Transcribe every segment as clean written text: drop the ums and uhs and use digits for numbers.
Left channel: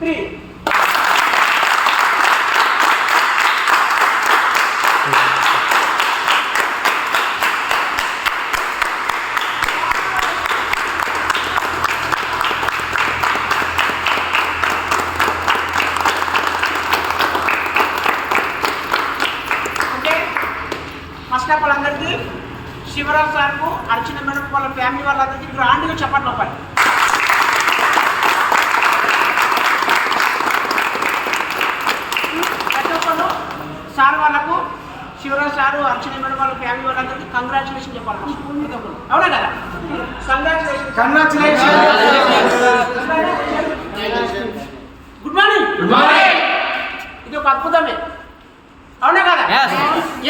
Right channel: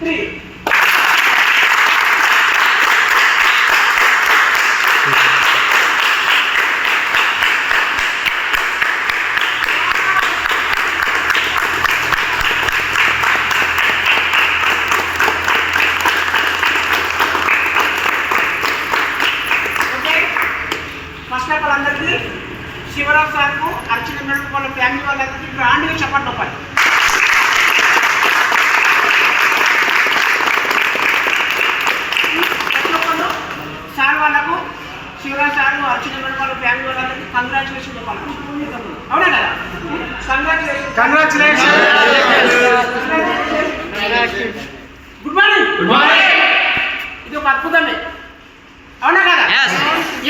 3. First of all అందరికీ శివరాజ్ సార్కు అర్చన madam వాళ్ళ ఫ్యామిలీ వాళ్ళందరికీ గ్రాండ్గా చెప్పండి పని. ప్రతి ఒక్కరు సార్ వాళ్ళకు శివరాజ్ సారు అర్చన మేడం వాళ్ళ ఫ్యామిలీ వాళ్ళందరికీ కంగ్రాచులేషన్ చెప్పాలి. అవునా కదా? కంగ్రాచులేషన్. Good morning. ఇది ఒక అద్భుతమే. అవునా కదా?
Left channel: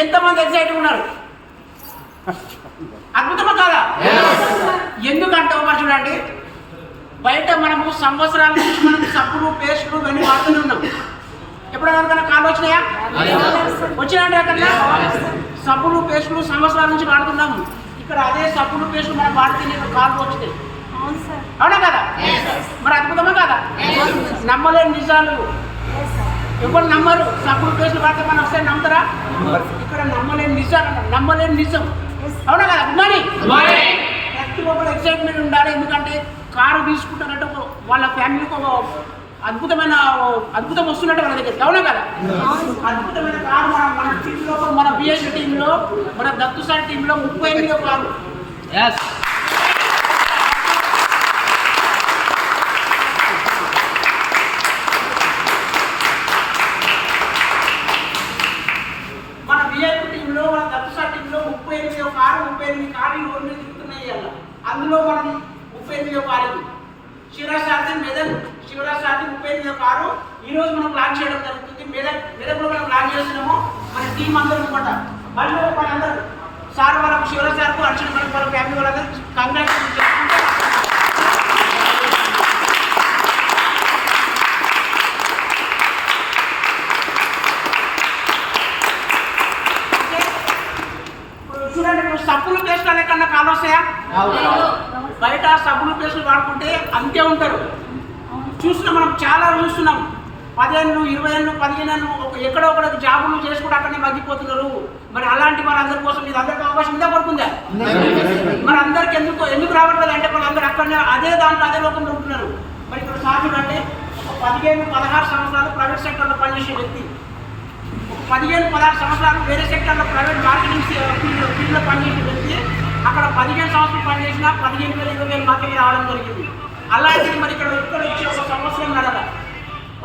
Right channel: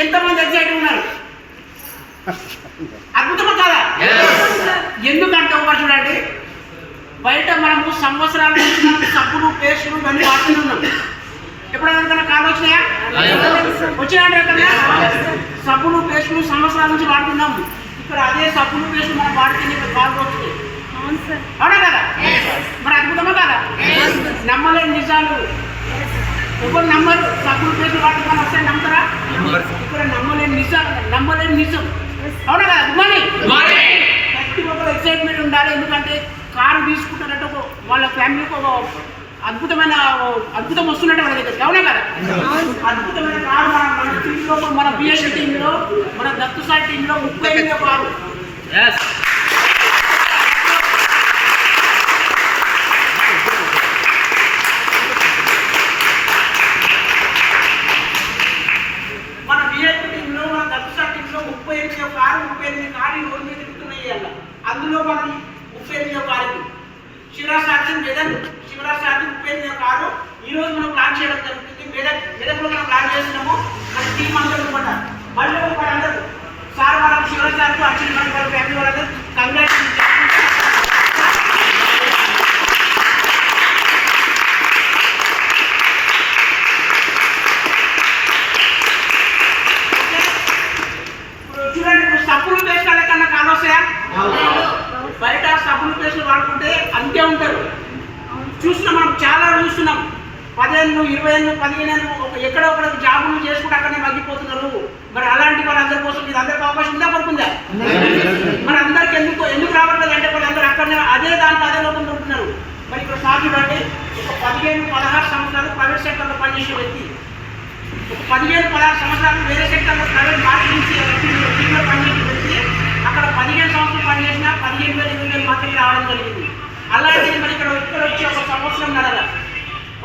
ఎంతమంది ఎగ్జైటివ్ ఉన్నారు? అద్భుతమా కాదా? ఎందుకంటే ఒక చూడండి, బయట మనము సంవత్సరాల నుంచి మనం సబ్బులు పేస్టులు ఇవన్నీ వాడుతూనే ఉన్నాం. ఎప్పుడైనా ఎవరికైనా కాలు వచ్చినాయా? వచ్చినాయంటే ఎక్కడన్నా సబ్బులు పేస్టులు సంవత్సరాల నుంచి వాడుతున్నాము. ఇక్కడ అదే సబ్బులు పేస్టులు మనం వాడితే కాలు వచ్చినాయి. అవునా కదా? మరి అద్భుతమా కాదా? నమ్మలేని నిజాలు ఎవరు నమ్మరు. సబ్బులు పేస్టులు వాడితే మనం వస్తాయి నమ్ముతారా? ఇక్కడ నమ్మలేని నిజం. అవునా కదా? Good morning. ప్రతి ఒక్కరు ఎక్సైట్మెంట్ ఉండాలి. ఎందుకంటే కారు తీసుకుంటారంటే ఒక వాళ్ళ ఫ్యామిలీకి ఒక అద్భుతం వస్తున్నట్టు మన దగ్గరికి. అవునా కదా? అద్భుతమైన కారు మన టీంలో, మన బిఎస్సీ టీంలో, మన దత్తు సార్ టీంలో 38వ కారు. మన బిఎస్సీ టీంలో, మన దత్తు సార్ టీంలో 38వ కారు, 38 కార్లు రోడ్డు మీద తిరుగుతున్నాయి. అందులో మనం 38వ కారు శివరాజ్ సార్ది శివరాజ్ సార్ది 38వ కారు ఈరోజు మనం ప్లాన్ చేయడం జరుగుతుంది. మెదక్లో మనం ప్లాన్ చేస్తున్నాము. మన టీం అందరూ అనమాట. మళ్ళీ అందరూ సార్ వాళ్ళకు శివరాజ్ సార్కు అర్చన మేడం వాళ్ళ ఫ్యామిలీ వాళ్ళందరూ కంగ్రాచులేషన్ చేసుకుంటే చూడండి. ఇప్పుడు సబ్బులు పేస్ట్ అనే కన్నా కాలు వస్తాయా? బయట సబ్బులు పేస్టులు వాడుకుంటే అంతే ఉంటారు. మనం చాలా చూస్తున్నాం. 10 ఏళ్ళు 20 ఏళ్ళు 15 ఏళ్ళు ఎక్కడో ఒకటి జాబులు చేసుకుంటే అక్కడనే మగ్గిపోతున్నారు. మరి అలాంటి వాళ్ళందరి కోసం ఇది అందరికీ అవకాశం ఉందా పడుతుందా? మరి అందరికి ఎందుకు రావట్లేదు అంటే వాళ్ళందరూ అక్కడనే అదే లోకంలో ఉంటున్నారు. మరి ఇక్కడ సాధ్యం అంటే ఒక 15-16 సంవత్సరాలు ప్రైవేట్ సెక్టర్లో పనిచేసే వ్యక్తి, ఒక 15-16 సంవత్సరాలు వేరే సెక్టర్లో ప్రైవేట్ మార్కెటింగ్ ఫీల్డ్లో పనిచేసే వ్యక్తి అక్కడ 15 సంవత్సరాలు పనిచేసినా 15,000 20,000 మాత్రమే రావడం జరిగింది. అలాంటిది మరి ఇక్కడ వచ్చి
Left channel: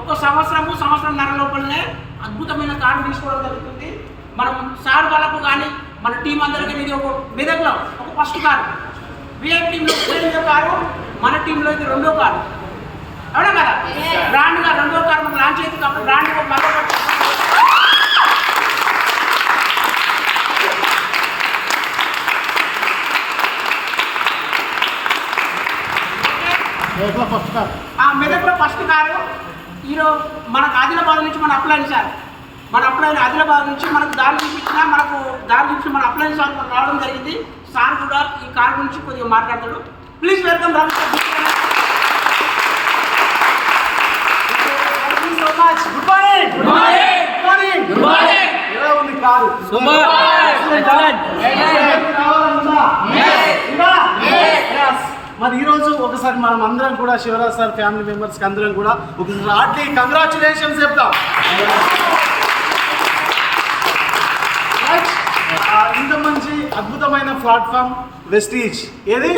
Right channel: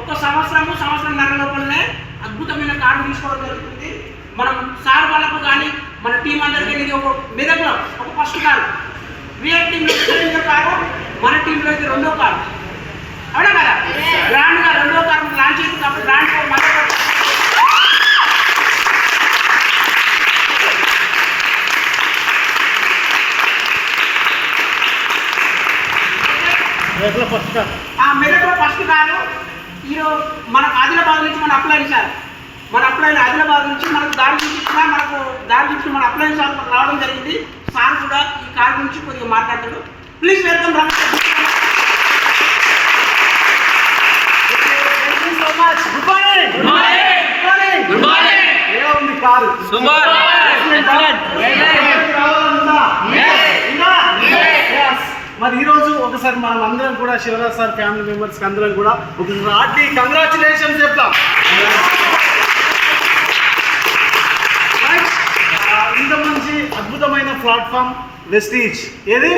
ఒక సంవత్సరంన్నర లోపలనే అద్భుతమైన కారు తీసుకోవడం జరుగుతుంది. మనం సార్ వాళ్ళకు కానీ మన టీం అందరికీ ఇది ఒక మెదక్లో ఒక ఫస్ట్ కారు, విఐపీ టీంలో 2వ కారు, మన టీంలో ఇది 2వ కారు. అవునా కదా? బ్రాండ్గా 2వ కారు మనకు లాంచ్ అయింది కాబట్టి బ్రాండ్ మెదక్లో ఫస్ట్ కారు ఈరోజు మనకు ఆదిలాబాద్ నుంచి మన అప్లైన్ సార్ ఆదిలాబాద్ నుంచి మనకు దారి చూపించిన మన అప్లైన్ సార్ మనకు రావడం జరిగింది. సార్ కూడా ఈ కారు గురించి కొద్దిగా మాట్లాడతాడు. Please welcome Ramesh. So much. Good morning. ఎలా ఉంది కారు? సూపర్. మరి ఈరోజు ఒకసారి మనం అందరం కూడా శివరాజ్ సార్ ఫ్యామిలీ మెంబర్స్కి అందరం కూడా ఒక హార్ట్లీ కంగ్రాచులేషన్స్ చెప్తాం. ఇంత మంచి అద్భుతమైన ప్లాట్ఫామ్ వెస్టీజ్. ఏది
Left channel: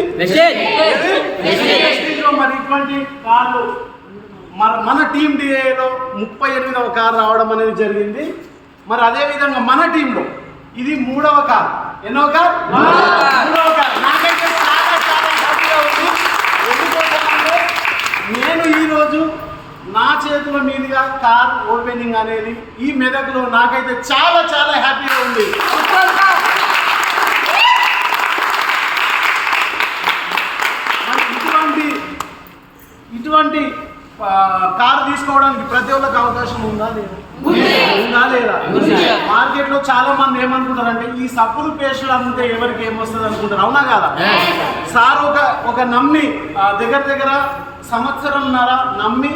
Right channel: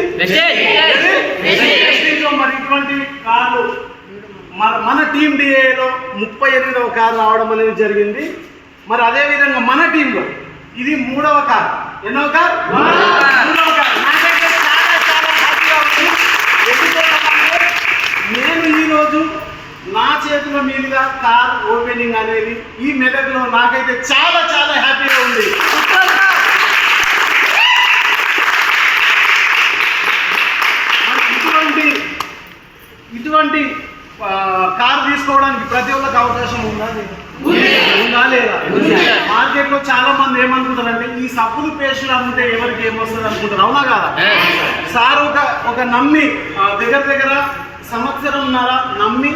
వెస్టీజ్లో మరి ఇటువంటి కార్లు మన టీం డిఏలో 38వ కారు రావడం అనేది జరిగింది. మరి అదేవిధంగా మన టీంలో ఇది 3వ కారు. ఎన్నో కారు? 3వ కారు. నాకైతే చాలా హ్యాపీగా ఉంది. ఎందుకంటే నేను ఈరోజు నా చేతుల మీదుగా కార్ ఓపెనింగ్ అనేది ఈ మెదక్లో నాకైతే చాలా హ్యాపీగా ఉంది. ఇటువంటి కార్ తీసుకోవడానికి ప్రతి ఒక్కరికి అవకాశం ఉందా లేదా? మార్కెట్లో చాలా మంది ఏమంటుంటారంటే ఈ సబ్బులు పేస్టులు అమ్మితే ఎవరికి ఏమొస్తుంది అనుకుంటారు. అవునా కాదా? సార్ ఒక నమ్మి దగ్గర సంవత్సరంన్నర నమ్మి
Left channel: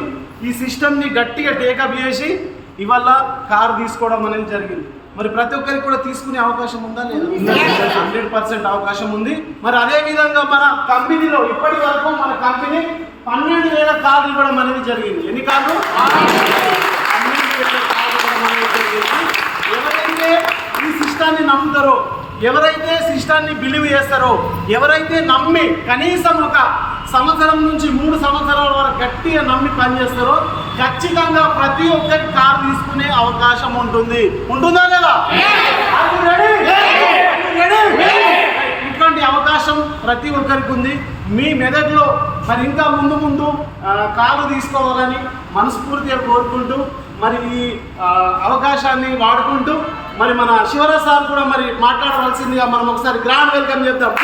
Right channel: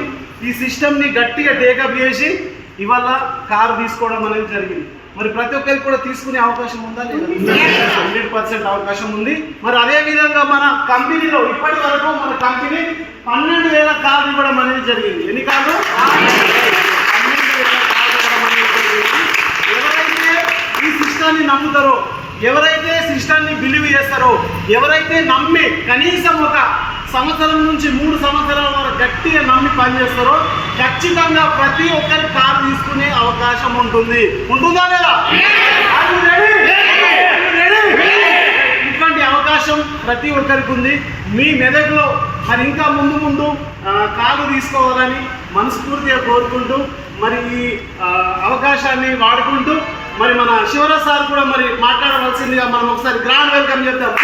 ఈ సిస్టమ్ని గట్టిగా టేకప్ చేసి ఇవాళ కారు తీసుకోవడం అనేది జరిగింది. మరి ప్రతి ఒక్కరికి కూడా తీసుకునే అవకాశం ఉందా లేదా? 100% అవకాశం ఉంది. మరి అదే విధంగా మన కంపెనీలో ఇప్పటి వరకు మన కంపెనీ 12,000 కార్లు ఇవ్వడం అనేది జరిగింది. ఎన్ని కార్లు? 12,000 కార్లు ఇవ్వడం అనేది జరిగింది. ఎవరైతే ఈ సిస్టాన్ని నమ్ముతారో, ఎవరైతే సిస్టాన్ని బిలీవ్ చేస్తారో, ఎవరైతే నమ్మి కనీసం ఒక సంవత్సరం నుంచి 3 సంవత్సరాల వరకు గట్టిగా నమ్మి పనిచేస్తారో ఖచ్చితంగా ప్రతి ఒక్కరి కారు తీసుకునే అవకాశం ఉంటుంది. ఉంటుందా లేదా? ఇటువంటి అవకాశం ప్రతి ఒక్కరికి ఉంది. మీ మెదడులో మరి ఇంకా ముందు కారు తీసుకోవాలని మనస్ఫూర్తిగా కోరుకుంటూ మరి ఈ అవకాశాన్ని వాడుకుంటూ మరి మన శివరాజ్ సార్ కూడా మరి మాట్లాడవలసిందిగా మనం ఒకసారి గ్రాండ్ వెల్కమ్ చేద్దాం.